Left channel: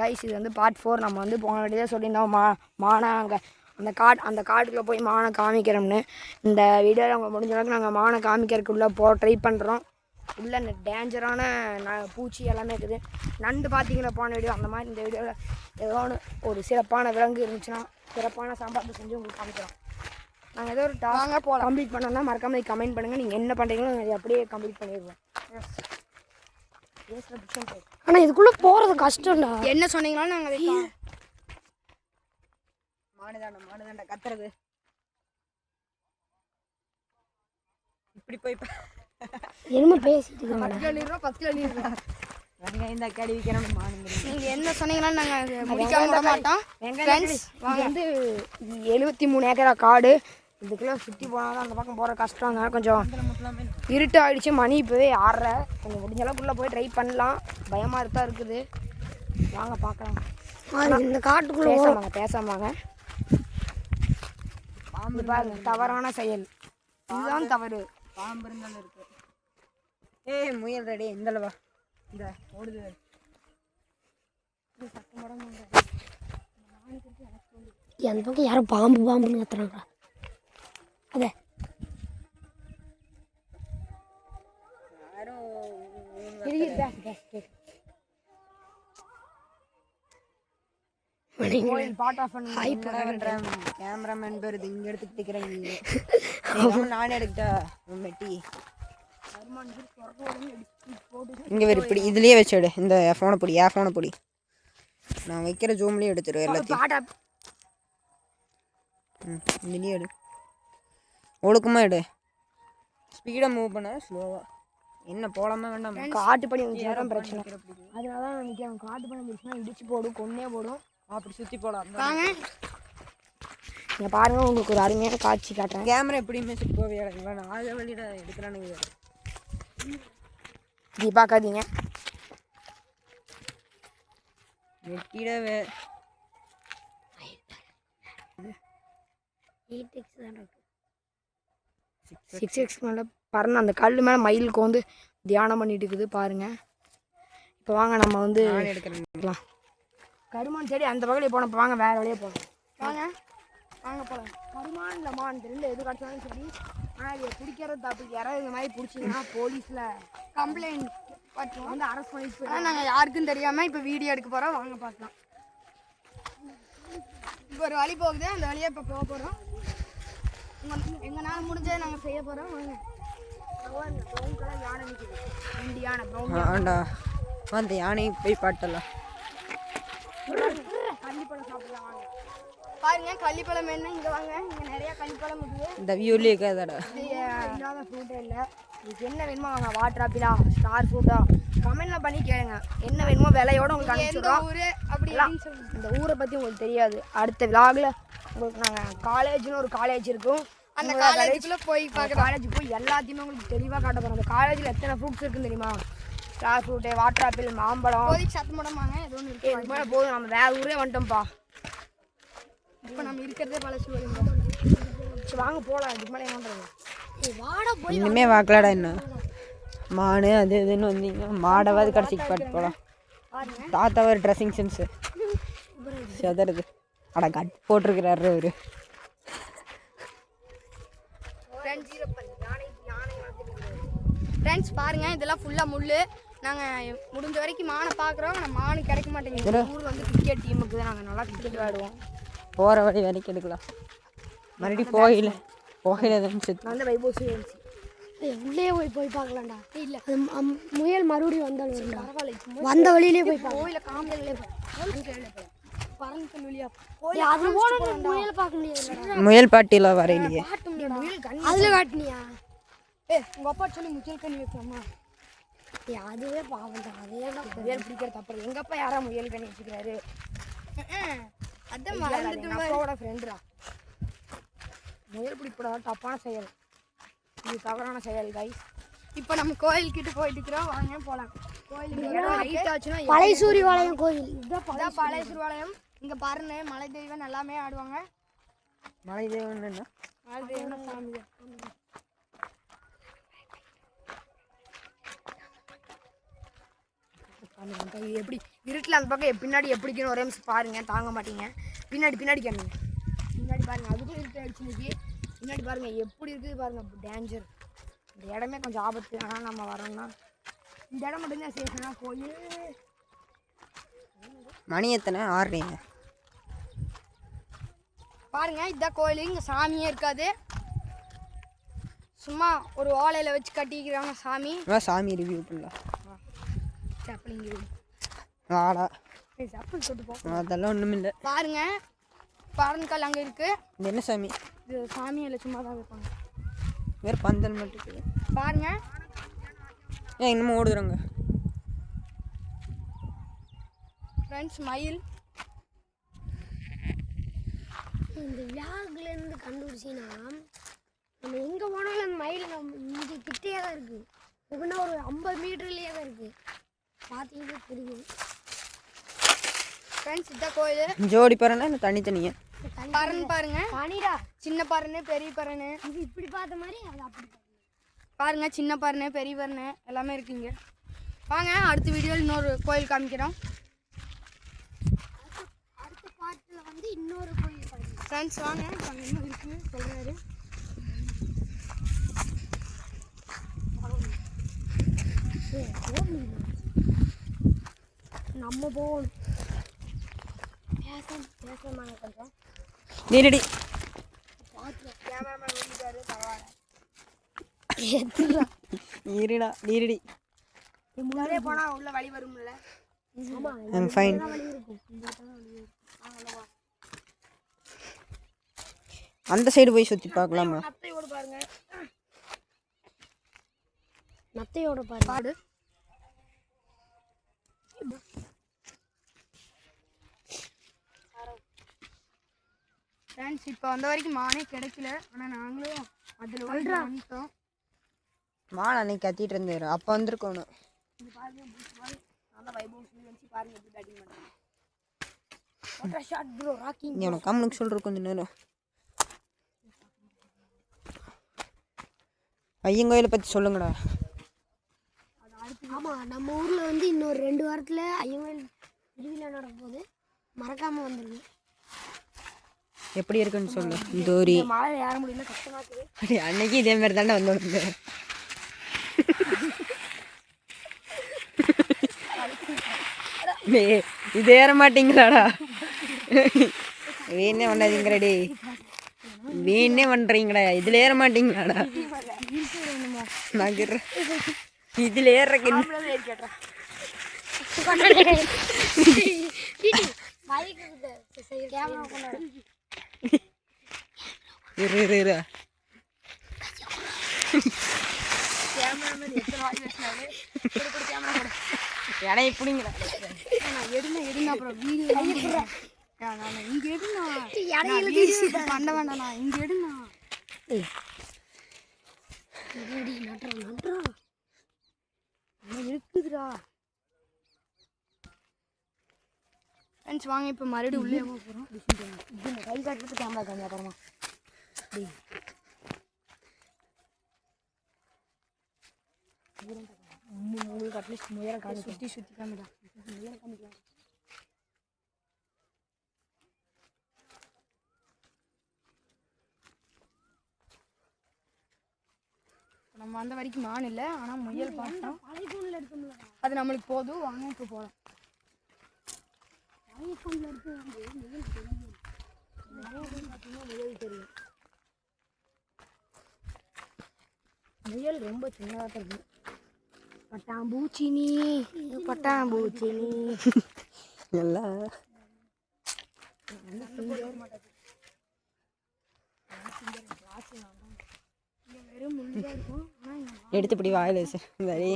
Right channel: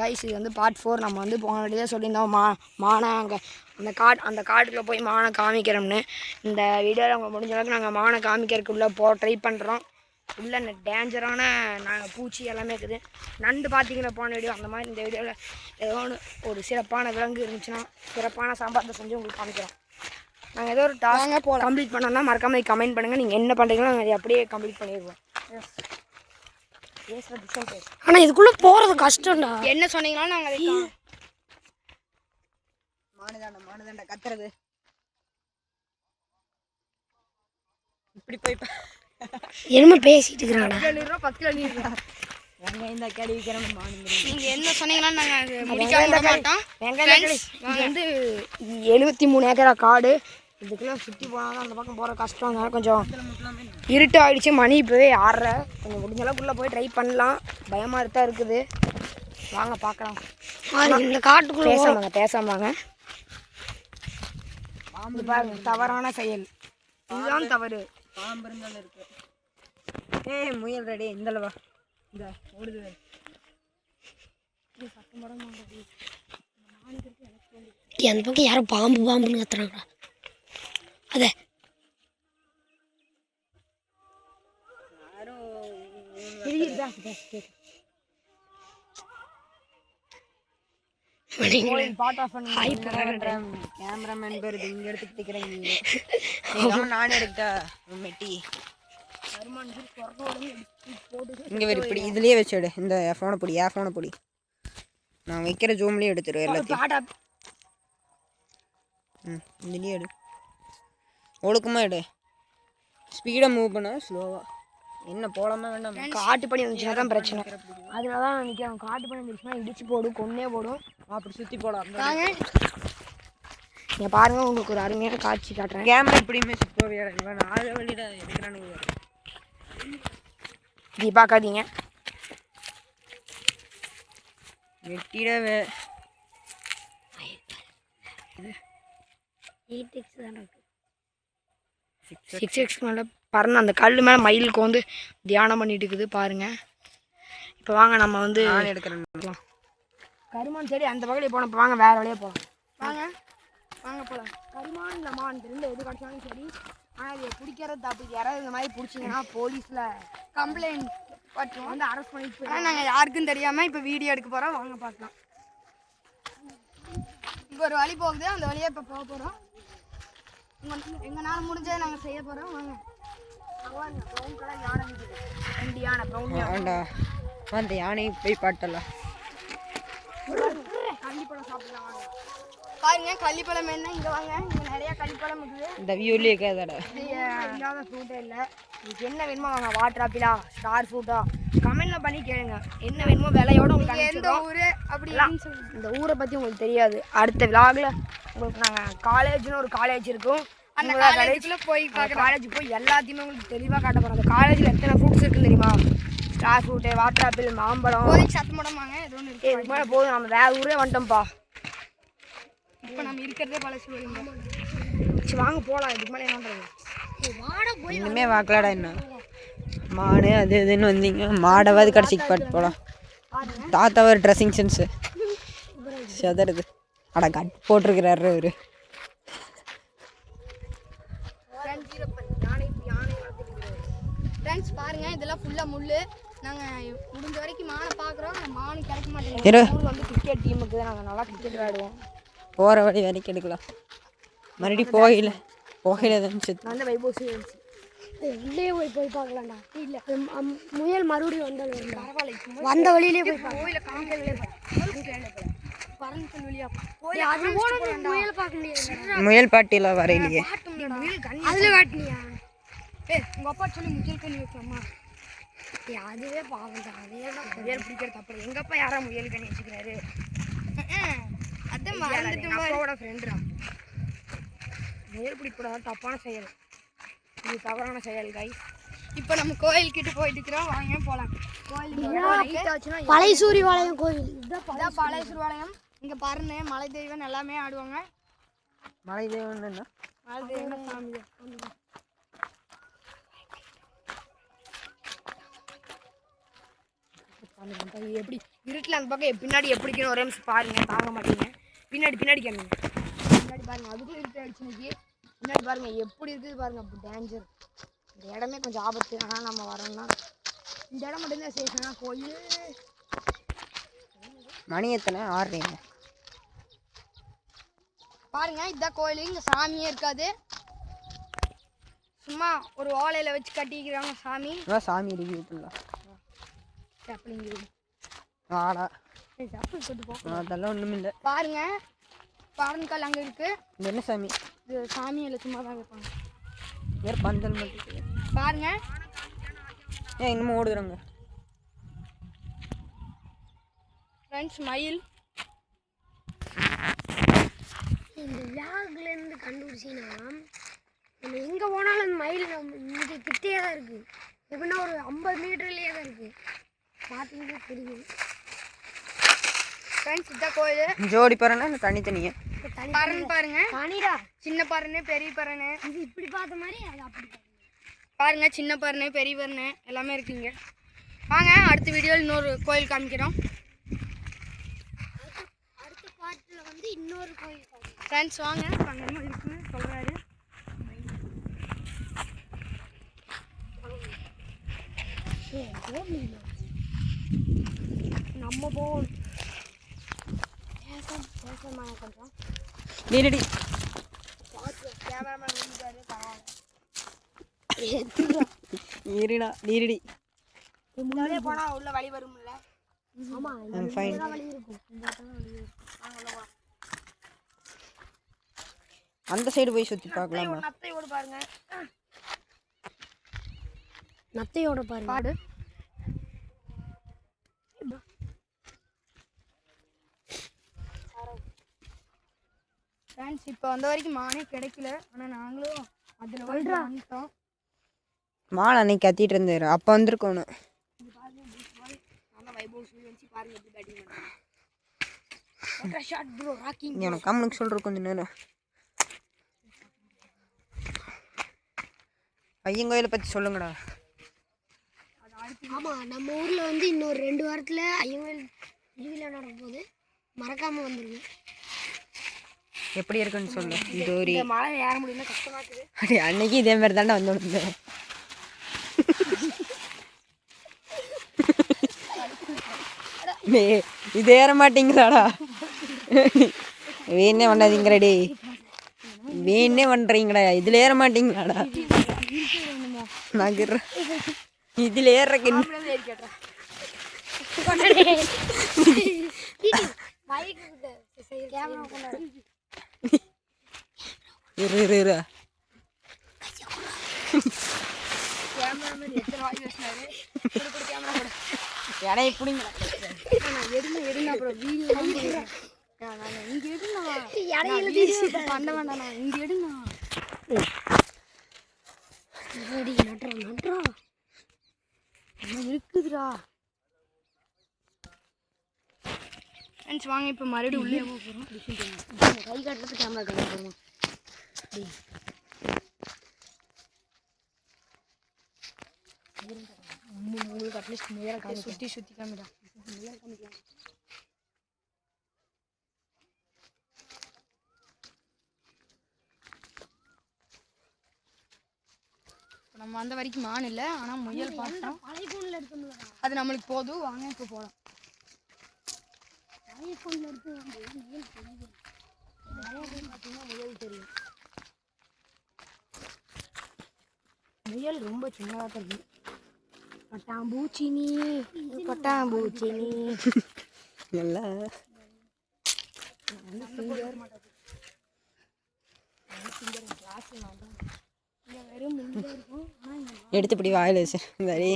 Guys இது வந்து part 4. நம்ம வந்து போன வீடியோ சொல்லியிருந்தோம் மானை அங்கே அந்த காட்டுக்குள்ளே போய் மானை காமிக்கிறோம்னு. இந்த வீடியோவில் அவங்க முடிஞ்ச அளவுக்கு நாங்கள் மானை காமிக்கிறதுக்குள்ளே ட்ரை பண்ணுறோம். உள்ள இந்த டேஞ்சரான பூச்சி எல்லாமே இருக்குது. நண்டு பார்த்தீங்கன்னா போன வீடியோ அந்த மாதிரி இந்த வீடியோவில் ஏதோ ஒரு சிறப்பான விலங்கு இருந்துச்சுன்னா சிறப்பான சாம்பார் செஞ்சு உங்களுக்கு காமிக்கிறோம். நாங்கள் ஏதோ ஒரு டாஸ்க் கம்ப்ளீட் பண்ணோம்னா மறக்காமல் கமெண்ட் பண்ணுங்கள். நீங்கள் என்ன பண்ணுறீங்களோ நாங்கள் அதை அப்படியே கம்ப்ளீட் பண்ணிடுவோம். ஆனால் இதுக்குள்ளே போகிறது கஷ்டம்டா. என்ன சொன்னீங்களாலும் நாங்கள் மானுதாண்டா கத்துறது இப்படி போய் என்ன பேசிட்டு இருக்கிறாங்க. இந்த கேள்விக்கிறோம் நீங்கள் என்ன சொன்னீங்கன்னா நாங்கள் முடிக்காம விட மாட்டோம். இது வந்து 73 ஏக்கரா காடு. இதுக்குள்ளே சுற்றி போனால் அந்த பக்கம் போகிற கஷ்டங்க. கொஞ்சம் இருட்டு ஆகிடுச்சு. மணி இப்போவே 6:30. கொஞ்சம் முடிஞ்ச அளவுக்குள்ளே போய் ட்ரை பண்ணலாம். பயமாக தான் இருக்குது. வாங்க பார்க்கலாம். இந்த காட்டுக்குள்ளே பேசாமாங்க. பாம்பு தவறான செயல். இதுதான் தவறு. பாம்பு இருந்தாலும் இருக்கு. முயல் ரெடி. இந்தளவா இந்த ஓடுது. அந்த பக்கம் யாரும் பாம்புன்னு கத்துறாங்களா? அதே கேமராமேன் பேர் இங்க எடுத்துக்கிறேன். நானே எடுத்தா மெட்டி இங்கே வேறு இப்படி இதுலேயே வச்சுடு. இந்த ஃபோனை பொடி நான் வைக்கிற ஜூம்லேயே எடுத்துருவேன் எல்லாத்தையும். இதுலேயே எடு. ஒழுக்கமாக எடு. ஸ்பீடாக மூவ் பண்ண ஸ்லோவாக. என்ன போடாமல் வேண்டாம். காட்டு பண்ணி வந்துச்சுன்னா தான் பிரச்சனை. அதனால தான் நினைக்கிறேன். காட்டு பண்ணி வந்துச்சுன்னா இடிச்சு போடும், கொன்னே போடும். அப்படி சுற்றி போடலாம். நீங்கள் பாருங்கள், உங்களுக்கு ஒரு அருமையான காட்சி காட்டுறேன். கேமரா எப்படியுமே சுத்தவே நாலு வழியிட எடுக்கிறேன்னு இப்படி பார்க்காதீங்க. வெட்டிடவே 6x மேலே பறந்து அந்த கல் மேலே மயிலுக்கு வந்து தியானம் பண்ணிட்டு இருக்குது பாருங்க. இப்போ வாங்க நம்ம வந்து எடுக்கிறோம். கருமான் செடி அந்த பக்கத்தில் போனப்போ வாங்க வேறு வழியே போகலாம். வாங்க போகலாம். கருமான் இல்லை மான் ரெண்டு எது கிடச்சாலும் சரி. ஆனால் அது பிடிக்கிறது தப்பு. யாராவது இந்த மாதிரி பிடிச்சிங்கன்னா போலீஸில் கம்ப்ளைண்ட் வந்து அரெஸ்ட் பண்ணிட்டு. ஆனால் நாங்கள் யாருக்கும் தெரியாமல் இப்போ வீடியோ எடுக்க போகிறோம். வாங்க பார்க்கலாம். இப்போ ஒரு வழி போகுது. அந்த வழியை இப்போ போக போகிறோம். எங்களால் முடிஞ்சதை நாங்கள் செய்ய போகிறோம். வாங்க. ப்ரௌன் கலர் யானை நிற்குது. 2 யானை ப்ரௌன் யானை. அந்த யானையை போய் பாட்டலாம். கள்ளிப்பழம் சாப்பிடலாம் பாருங்க. கள்ளிப்பழம் என்ன இங்கே வாங்க. இங்கே நிறையா கள்ளிப்பழம் இருக்குது. இந்த வியூலேயே இருக்காதடா. இல்லாத ஃப்ரூட்டே இல்லை. இதுக்கு என்ன வேணுமோ வாங்க. வாட்டர் ஆப்பிளா, ஸ்டார் ஃப்ரூட்டா, கமெண்ட்லாம் பண்ணி கேளுங்க. என்ன வேணுமோ விலையோட உங்களுக்கு எந்த ஊர் அப்படிலாம் இந்த ஊரை பற்றி உங்களுக்கு தெரியாது. அடுத்த விலாகில் உங்களுக்கு நாங்கள் காலேஜ்னு ஒரு காலேஜ் இருக்கும். அந்த காலேஜில் போய் காலேஜ் போய் எல்லாத்தையுமே உங்களுக்கு தெளிவாக காட்ட போகிறோம். அந்த காலேஜில் எத்தனை ஃப்ரூட்ஸ் இருக்குன்னு தெரியுமா? ஸ்டார் ஃப்ரூட்டு, வாட்டர் ஆப்பிள், மாம்பழம். சத்து முடமாங்க எதுவும் இருக்குது. இது போல போதும். நம்ம வேறு ஊரே வந்துட்டோம்ப்பா. இப்போ நம்ம இருக்கிறதே பழசு. சரி வாங்க போகலாம். இதுக்கு மேலே என்ன இன்னுமே வாக்கலாடா. என்ன மாடு அது இதுன்னு வந்தீங்க. மாடவாது கடைசிக்கு பாட்டு போகலாம். தாத்தா ஒரு ட்ரெஸ்ஸிங் சென்ஸு செதறது. அட கட் போட்டிருக்கிறாரு அவரு. ஃப்ரெண்ட்ஸ் பாருங்க, இதெல்லாம் ஃபுல்லாக முள். நாங்கள் முடிஞ்ச வரைக்கும் மானை பார்க்குறோம். ஆனால் மானு கிடைக்க மாட்டேங்குது. ஊர் வந்து கிரிக்கெட் டீமுக்கு நாங்கள் நல்லா கிரிக்கெட் விளையாடுவோம். போகிற வழி வரைக்கும் எடுக்கலாம். மறுபடியும் போகல வந்து வைபோசி இருந்துச்சு. உள்ளே போய் பார்க்கலாம்டா. இல்லை முயல் மறுபடியும் வந்த வழியிலே போய் கோயிலை முயல் பாட்டிலாம் வரையிலையே. அதில் காட்டினியா? உங்கள் அப்பா சொல்லி முயல் கண்ணி வைக்கலாமா? அதுவே பாவம் தான். முயல் பிடிக்கிறது அப்புறம் எங்கள் அப்பா யாரா முயல் கண்ணி வச்சுக்கிறாரு? அப்பாவோட ஃப்ரெண்டுடா. முயல் பிடிப்பட தப்பான செயல். இது தவறான செயல் கைஸ். இப்போ நம்ம கோயில்கிட்ட போயிட்டு இருக்கிறோம். வாங்க போகலாம். கோயிலுக்கு பழைய சூரியவாலயம் கோயில். இதுதான் பழைய சூரியவாலயம். இங்கே பாருங்க, மலை தெய்வம் எல்லாமே ஆடுவாங்க. மலை தெய்வம் என்ன? மலை தெய்வம் சாமி. எப்படி இருட்டில் அந்த பக்கம் பின்னாடி எப்படிக்கணும் ஒரே நிமிஷம் பாருங்கள், தாங்க மாட்டீங்க. பின்னாடி கேளுங்க, பின்னாடி பாருங்கள், அதுக்கும் இருட்டு ஆயிடுச்சு இன்னைக்கு. பின்னாடி பாருங்கள் எப்படி இருக்குது பாருங்கள், அப்போ டேஞ்சர். இந்த இடமே கொஞ்சம் ஆபத்து. ஆனால் நம்ம வரோம்னா இந்த இடம் மட்டும்தான் சேஃப்னா. கோயில் மணி எத்தனை? 6 பாருங்கள், இதுதான் கோயில். இங்கே சாமியே இருக்காது, சும்மா ஒரு ஓலையில் வச்சு கட்டிக்கிறாங்க சாமி. சாமி ரிவ்யூ பண்ணலாம். ஆடா அதெல்லாம் ஒன்றும் இல்லை. பாருங்க, பாருங்கல் அங்கே இருக்கு. என்ன சாமி? இது சாமி இல்லை, சும்மா தான் இருப்பாங்க. வேறு பந்தல் மட்டும் பாருங்க. ஏன் இன்னமும் ஓடுறாங்க ஃப்ரெண்ட்ஸ்? மயில் இந்த விளாக்லேருந்து கண்டுபிடிச்சின்னா நம்ம எங்கே போனாலும் அந்த மயில் நம்ம இங்கே கிட்டே தான் இருக்குது. எப்படின்னா ஒரு 50 மீட்டர்லேயே தான் இருக்குது. பார்த்தீங்கன்னா தெரியும். ஃப்ரெண்ட்ஸ், இதுதான் கோயில். ஜோடி பறனை இல்லை தனித்தனியா? பறன் பாருங்க, தனிடா. சின்ன பறனை பெரிய பறனை. இது இப்படி பார்த்த மாதிரி அது அப்படி பாருங்க, சின்ன பறனை பெரிய பறனை எல்லாமே இருக்குங்க. வாங்க, அடுத்த வீடியோவில் இன்னொரு கோயில் காமிக்கிறோம். அடுத்த பாட்டில் வந்து இன்னொரு கோயில் பாருங்க ஃப்ரெண்ட்ஸ். வாங்க, அங்கே என்ன இருக்குன்னு சொல்கிறாரு. நம்ம போவோம். பேசமா கொஞ்சம் நீரடி கேமராமேன் வந்துட்டாரு. நீரிடா நீரடி. இங்கே போனால் உள்ள வழி வரும்ல? ஆமாம், ஃபைன். வழி இருக்கும். அந்த சைடு போய் சுற்றி பார்க்கலாமா? நத்தையோடு பாருங்க, நத்தையோட பாடு. ஃப்ரெண்ட்ஸ், இப்போ வந்த வரைக்கும் மானே கிடைக்கல. ஆனால் நாங்களும் அதில் வந்துட்டோம். மான் அன்னைக்கு கத்திட்டு இருந்தாரு, அப்போ வந்திருக்கணும். எனக்கு கம்முனுக்கு சொல்கிறேன் கொஞ்சம் நேரம். ஐயங்கோயிலை பற்றி சொல்லுங்கடா. ஆமாம், நம்ம ஊரில் வந்து இன்னொரு 2 வாரத்தில் ஐயங்கோயில் திருவிழா நடக்கும்போது மறக்காமல் வந்துடுங்க. எப்படி இருக்குன்னு சொல்லு. தூரி மழை ஏற முடியல, கஷ்டமா இருக்குது. அப்படி அன்னைக்கு இதே மாதிரி தானே வந்து இது ஏற மாட்டீங்களாடா? வீணே பண்ணாதீங்களாடி, வீணே பண்ணுறீங்கடா. இதில் ஏற மாட்டீங்களாடா? நகர் இதில் ஏறக்கு இரு இரு இரு. இடையை பிடிங்க, எடுங்க அப்புறம் வீடியோ இங்கே எடுங்க. பண்ண வேண்டாண்ணா, இங்கே எடுங்க. இருக்குதுடா. ஃப்ரெண்ட்ஸ், வாங்க இப்போ மறுபடியும் உள்ளே போகிறோம். கை காட்டுறது கேமரா காட்டுறோம் அப்புறமா. உங்களுக்கு அட்லீஸ்ட் முதல்ல காலை சுற்றி காமிடா. முதல்ல காமிக்கலாம். நம்ம வந்த வரைக்கும் மான் இல்லை, ஆனால் முயல் பார்த்தோம். பழைய ஃபோனில் இருக்கும்ல, அது நம்மளுக்கு போதும். வாங்க இப்போ போகலாம். பழைய ஃபோனில் இருக்கு முயல் தெரியும். பார்த்தீங்கன்னா முயல் தெரியும். முயல் ரொம்ப சின்னதாக தான் இருக்கு. பட்டாம்பூச்சினி பட்டாம்பூச்சினி எல்லாம் வெறும் முள்ளாக இருக்கும். எடுத்துப்படி வாயில் வச்சு சரி.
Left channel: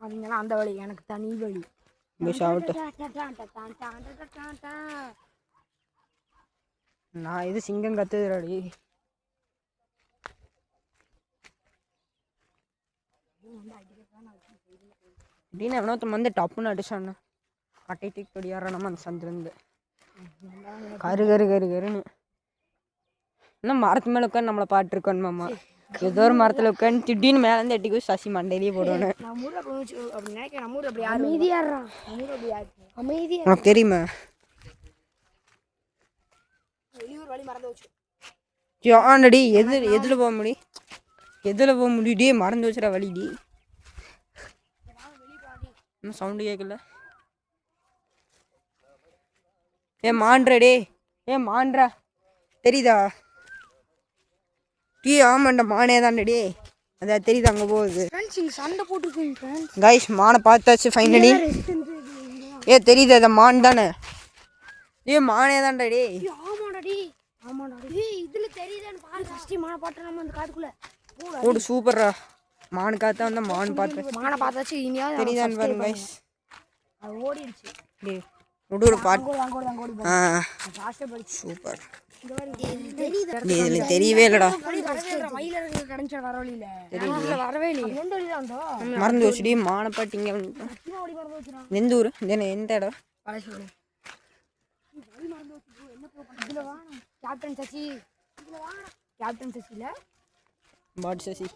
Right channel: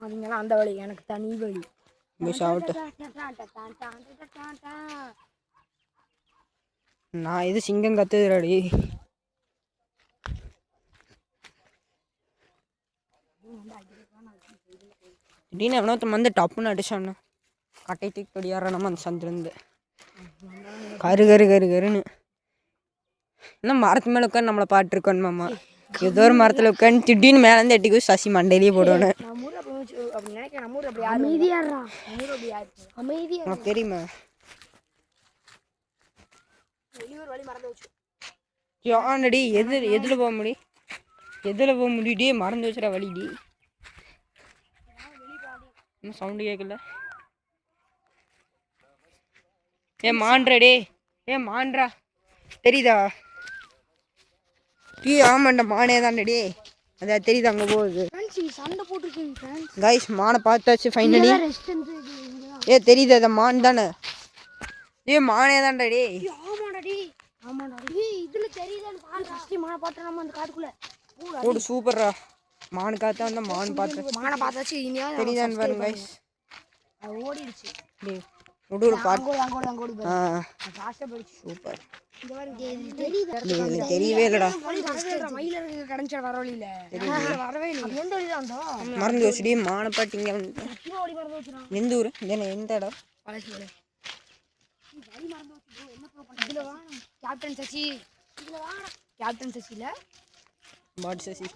அவங்களாம் அந்த வழி, எனக்கு தனி வழி. நான் இது சிங்கம் கத்துதுடி. திடீர்னு எவனோத்தம் வந்து டப்புன்னு அடிச்சானோ, கட்டை தூக்கி படியாடுற நம்ம அந்த சந்திருந்து கரு கரு கரு கருன்னு. இன்னும் மரத்து மேலே உட்காந்து நம்மளை பாட்டுருக்கோன்னு மாமா. ஏதோ ஒரு மரத்தில் உட்காந்து திடீர்னு மேலேருந்து எட்டி போய் சசி மண்டையிலேயே போடுவேன். நம்ம ஊரில் அப்படி நினைக்கிறேன். நம்ம ஊரில் அப்படி யாரும் அமைதியாடுறா, நம்ம ஊரில் அப்படி யாரு அமைதியா. உனக்கு தெரியுமா? வெளியூர் வழி மறந்து வச்சு ஆனடி எதில் போக முடியும்? எதில் போக முடியுடி? மறந்து வச்சுடா வழிடி. இன்னும் சவுண்டு கேட்கல. மான்றா டே, மான்றா தெரியுதா? டீ ஆமாண்டா, மானே தான்டே. அதான் தெரியுது அங்கே போகுது. சண்டை போட்டுருக்கேன் கைஸ், மானை பார்த்தாச்சு ஃபைனலி. தெரியுது அதை மான் தானே? மானே தான்டா டே. ஆமாடா, இதுல தெரியுதான்னு பாரு. ஃபர்ஸ்ட் மானை பார்த்தா நம்ம அந்த காட்டுக்குள்ள ஓடு. சூப்பர்ரா. மான் காத்தா வந்தா மான் பார்த்தாச்சு. மானை பார்த்தாச்சு. இனியா தெரியுதான்னு பாருங்க கைஸ். அது ஓடிடுச்சு. டே ஒரு பாட்டு. சூப்பர். இதில் தெரியவே இல்லைடா. மறந்து வச்சுடி மானை பாட்டிங்க. எந்த ஊர்? எந்த இடம்? கேப்டன் சசி. கேப்டன் சசில பாட் சசி.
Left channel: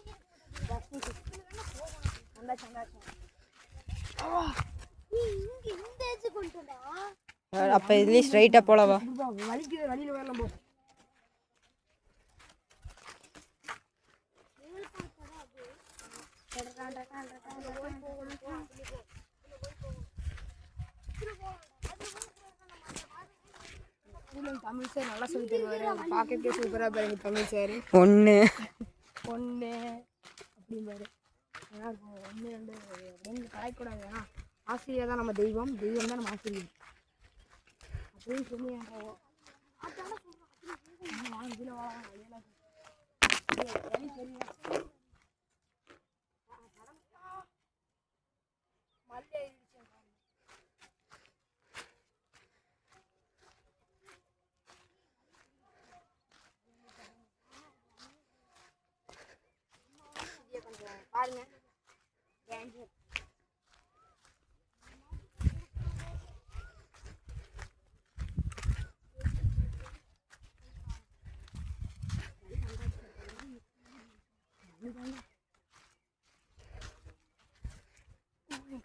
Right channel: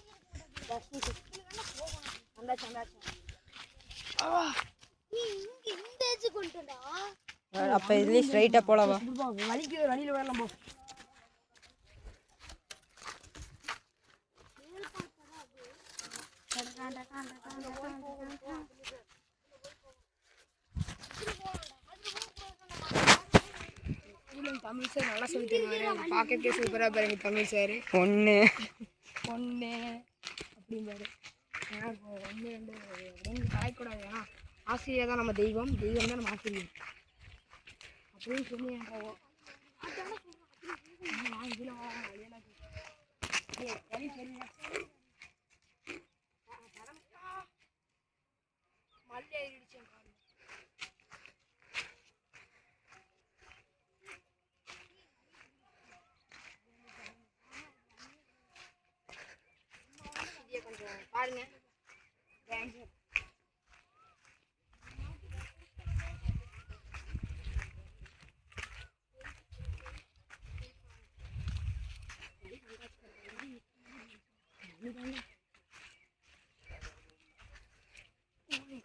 அப்போ இதுலேயே ஸ்ட்ரைட்டாக போகலாவா? வலிக்குது, வழியில் வரலாம் போ. தமிழ் சார் நல்லா சொல்லி தருவார். பார்க்கறதுக்கே சூப்பராக பாருங்க தமிழ் சார். ஒன்று அப்படிம்பாரு. ஏன்னா இப்போ 1 2 அப்படின்னு கலாய்க்கூடாது. ஏன்னா ஆசிரியர் தான் நம்ம தெய்வம், தெய்வம் தான் நம்ம ஆசிரியர் அப்படின்னு சொல்லி கொஞ்சம் பாருங்க.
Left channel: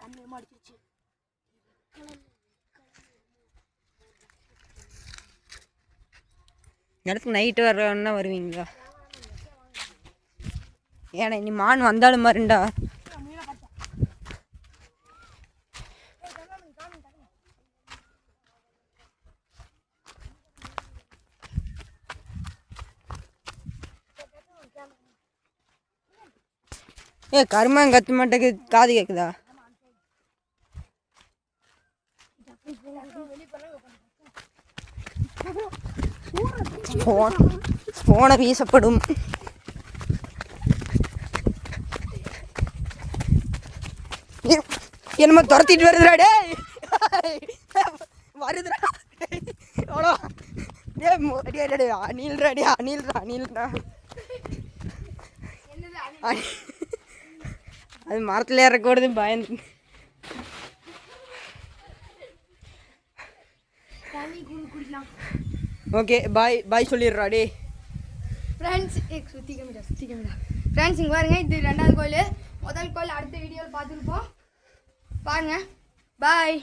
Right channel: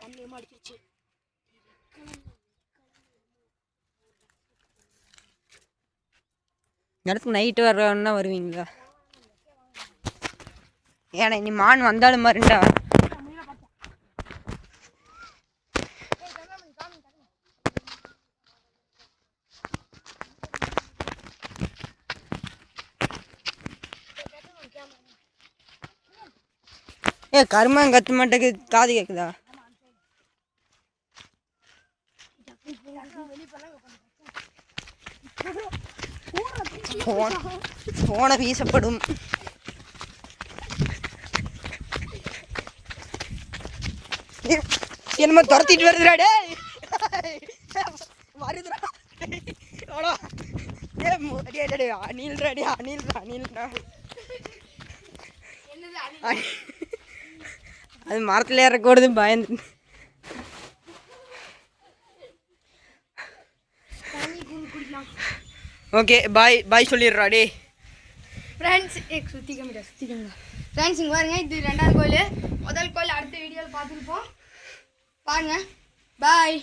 கண்ணியமா அடிச்சிருச்சு. இடத்துக்கு நைட்டு வரணுன்னா வருவீங்களா? ஏன்னா நீ மான் வந்தாலும் மாறுண்டா. கருமான் கத்த மாட்டேக்கு காது கேக்குதா? போன வீசப்படும். என்னமோ துரத்திட்டு வருதுடா டே. வருதுடா. எவ்வளோ அணில்றாடி, அணில்றா. அது மரத்தில் ஏறக்கூடாது பயந்து. ஓகே பாய் சொல்லிடுறா டே. ஃப்ரெண்ட்ஸ் சுற்றி கம்மிடா. ஃப்ரெண்ட்ஸ் இங்கே பாருங்க, இது 2வது கோயில். முதல் கோயில் அடுத்த வீடியோவில் பார்த்துருப்போம். பாருங்க. பாய்.